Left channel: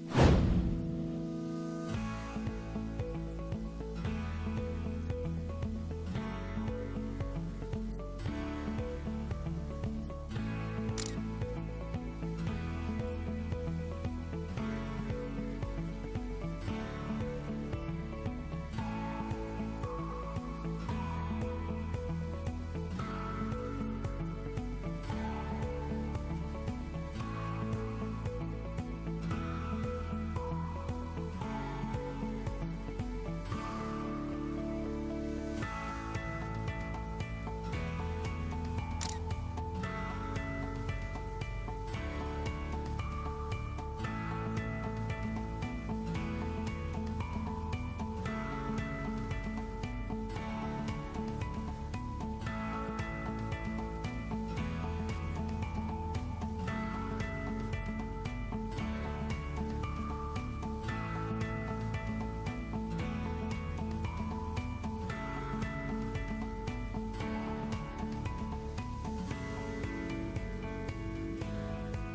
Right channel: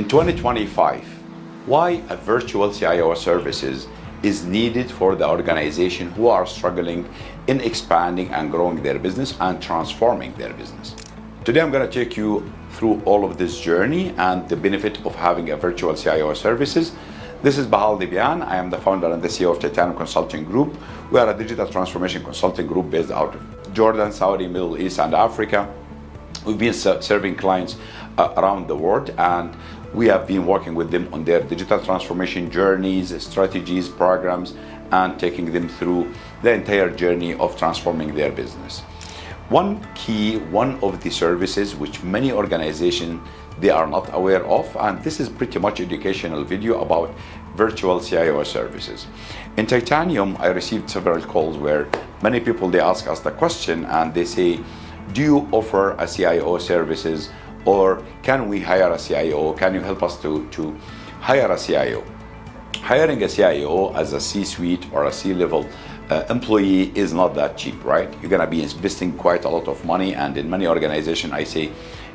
In 2025, why a virtual CIO services is needed for the organization who are struggling in expanding and growing their business and transforming their business. Today I'm going to take you through all of this journey and the benefit of having a virtual CIO services. This is Bahal Dibian. I am the founder and the CEO of Titanium Consulting Group. We are a digital transformation consulting group based out of Jordan, Saudi, Middle East, and Africa. We've been serving clients around the world, and we have been working with them on their digital transformation journeys, strategies, programs, and taking them through the entire journey of transforming their business. One of the services which many organizations they are not aware of, and this is pretty much educational video about virtual CIO services. In Titanium, I received several calls where many people, they ask us the question and they say, do you offer a CIO services, or can we hire a CIO? Can you help us to hire a CIO? Hiring a CIO as a C-suite or a C-level employee is not that cheap, right? You're gonna be investing quite a lot of money, and in many organizations I say,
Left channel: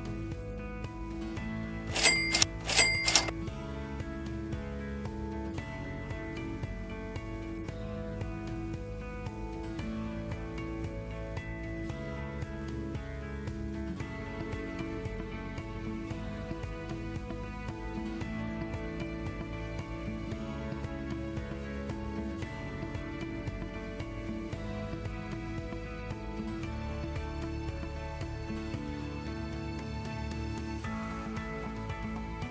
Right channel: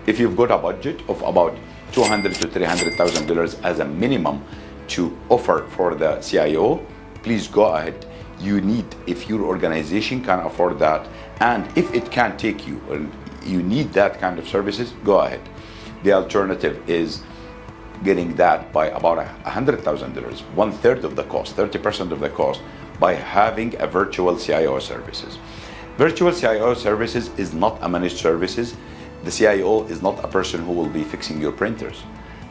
if you've got a budget of about $200,000 to $300,000 as a minimum to offer for the CIO, please go ahead. You need, if your organization can afford that, and if it can take you, or you need that kind of services, go ahead. The alternative is getting that by about $100,000, 1/3 of the cost, 30% of the cost, by having a virtual CIO services. Virtual CIO services is not a managed services. The CIO is not a person who will be fixing your printers.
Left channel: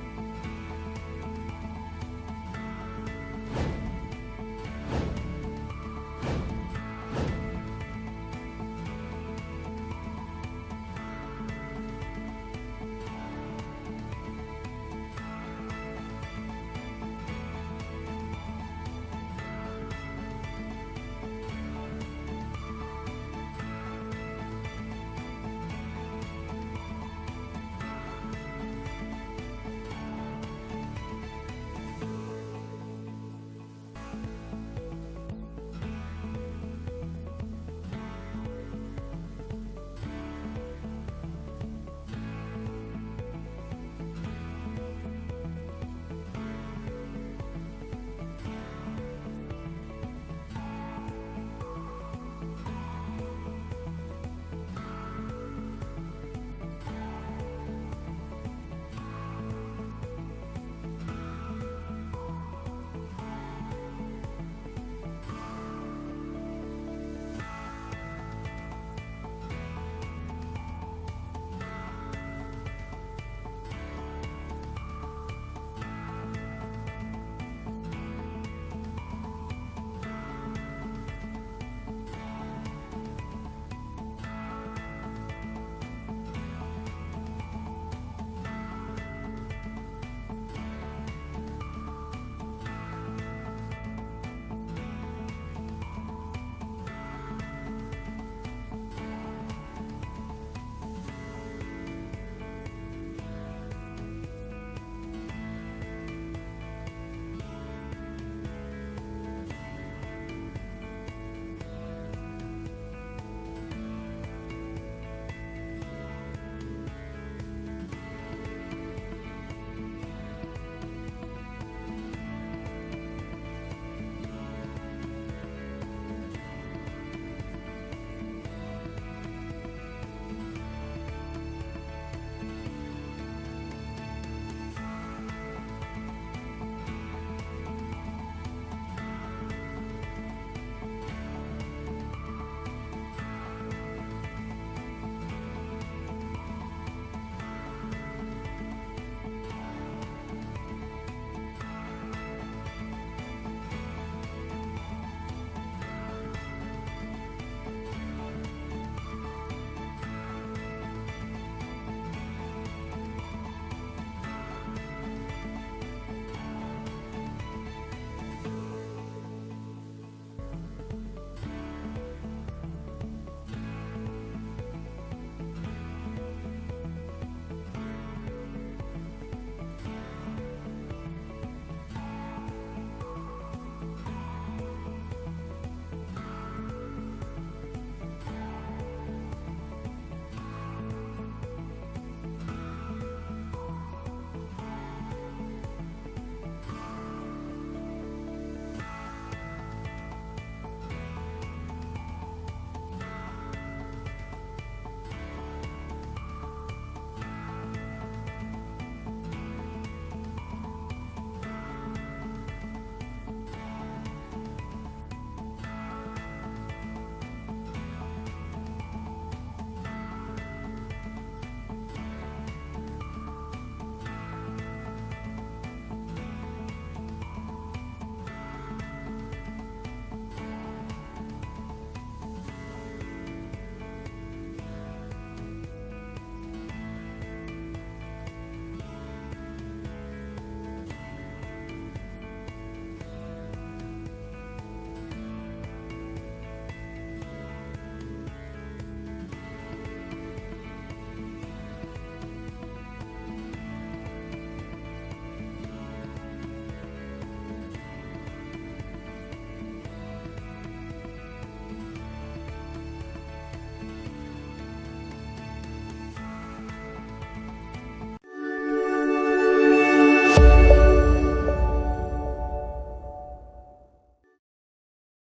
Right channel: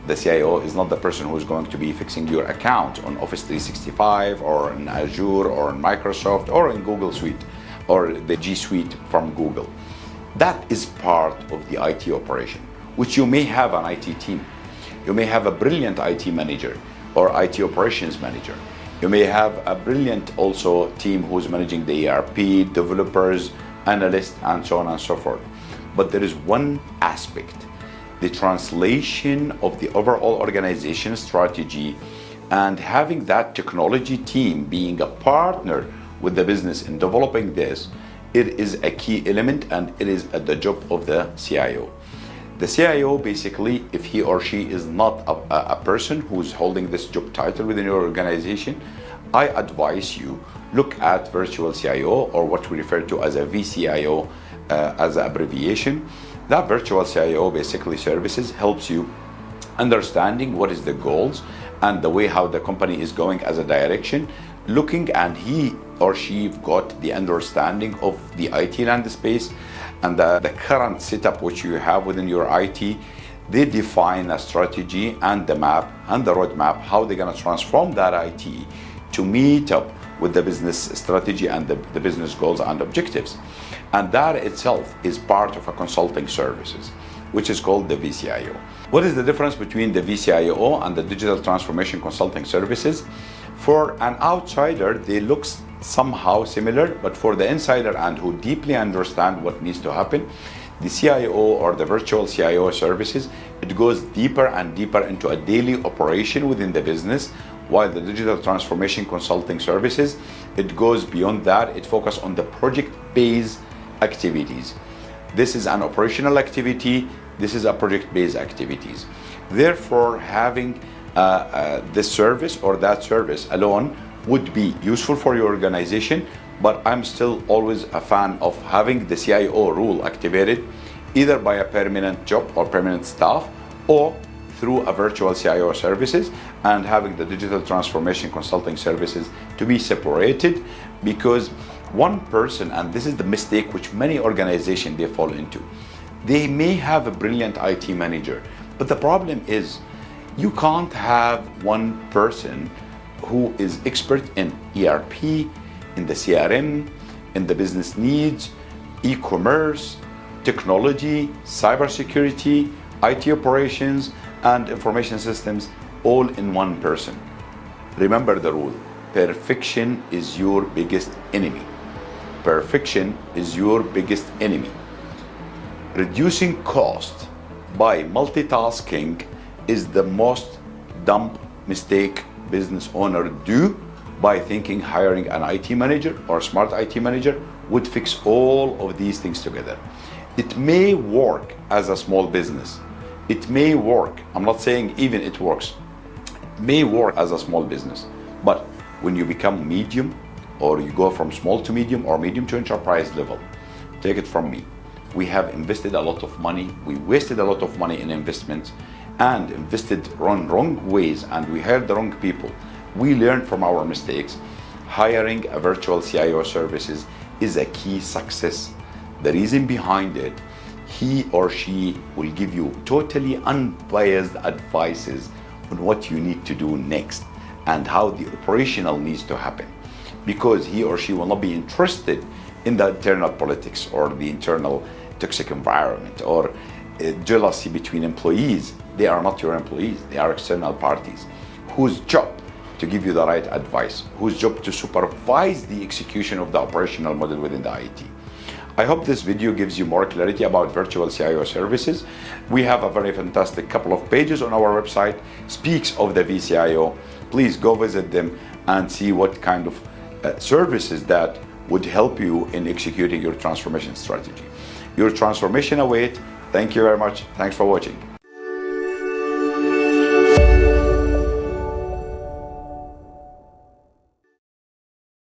The CIO is not the person who is going to be fixing your account on Office 365 or in Azure or in Microsoft or in Google Suite or the G Suite from Google. That is part of the IT operation, which you may have an IT team. You may have a brilliant IT manager or IT operations manager. You may have a brilliant also team who's managing the ERP, developers, analysts, and so on and so forth. But there is one aspect, the translation of the overall organization strategy, and having that technology team being a partner with the business in developing this. It is a key element, and it is at the job of the CIO. The CIO, basically, if he or she is not a person who's holding this job title within your organization, I advise you look at virtual CIO, or what we refer to as a vCIO as an abbreviation. That virtual CIO basically services helps you understanding what is the goals and the way how the company is going as a direction, looking, and he or she got the understanding of the IT landscape and the current setup which you have within your IT. They define a strategy and the map and the roadmap, how they're gonna transform that IT to meet up with the business strategy and the business goals and objectives. And that itself is part of a consulting services, which is called the vCIO. What is the difference between the vCIO and the digital transformation consulting services? For an outsider, they look somehow similar, but for the insider and who deeply understand what needs to happen, the CIO or the virtual CIO services, it goes deeper and deeper into a daily operation within the business, while the digital transformation consulting services, it goes beyond that. It focuses on the project-based activities. This is an operational activity. This is a project-based activities. Therefore, having this service or that service alone would be useful for your organization, but I'm still always a fan of having the CIO rule activated either by a permanent job or permanent staff, or through a virtual CIO services, and having the digital transformation consulting services to be separated, because one person, and this is the mistake which many organizations they fall into, they may have a brilliant IT manager, but the problem is you can't have one person who is expert in ERP, in the CRM, in the business needs, e-commerce, technology, cybersecurity, IT operations, and information systems, all in one person. Remember the rule, perfection is your biggest enemy. Perfection is your biggest enemy. Reducing cost by multitasking is the most dumb mistake business owner do, by thinking hiring an IT manager or smart IT manager would fix all of these things together. It may work as a small business. It may work. I'm not saying even it works. It may work as a small business, but when you become medium, or you go from small to medium or medium to enterprise level, take it from me. We have invested a lot of money. We wasted a lot of money in investments and invested wrong ways, and we hired the wrong people. We learned from our mistakes. Hiring a virtual CIO services is a key success. The reason behind it, he or she will give you totally unbiased advices on what you need to do next and how the operational needs to happen, because he or she will not be interested in the internal politics or the internal toxic environment or jealousy between employees. They are not your employees, they are external parties whose job to give you the right advice, whose job to supervise the execution of the operational model within the IT. I hope this video gives you more clarity about virtual CIO services. We have a very fantastic couple of pages on our website, speaks of the vCIO. Please go visit them and see what kind of services that would help you in executing your transformation strategy. Your transformation awaits. Thank you very much. Thanks for watching.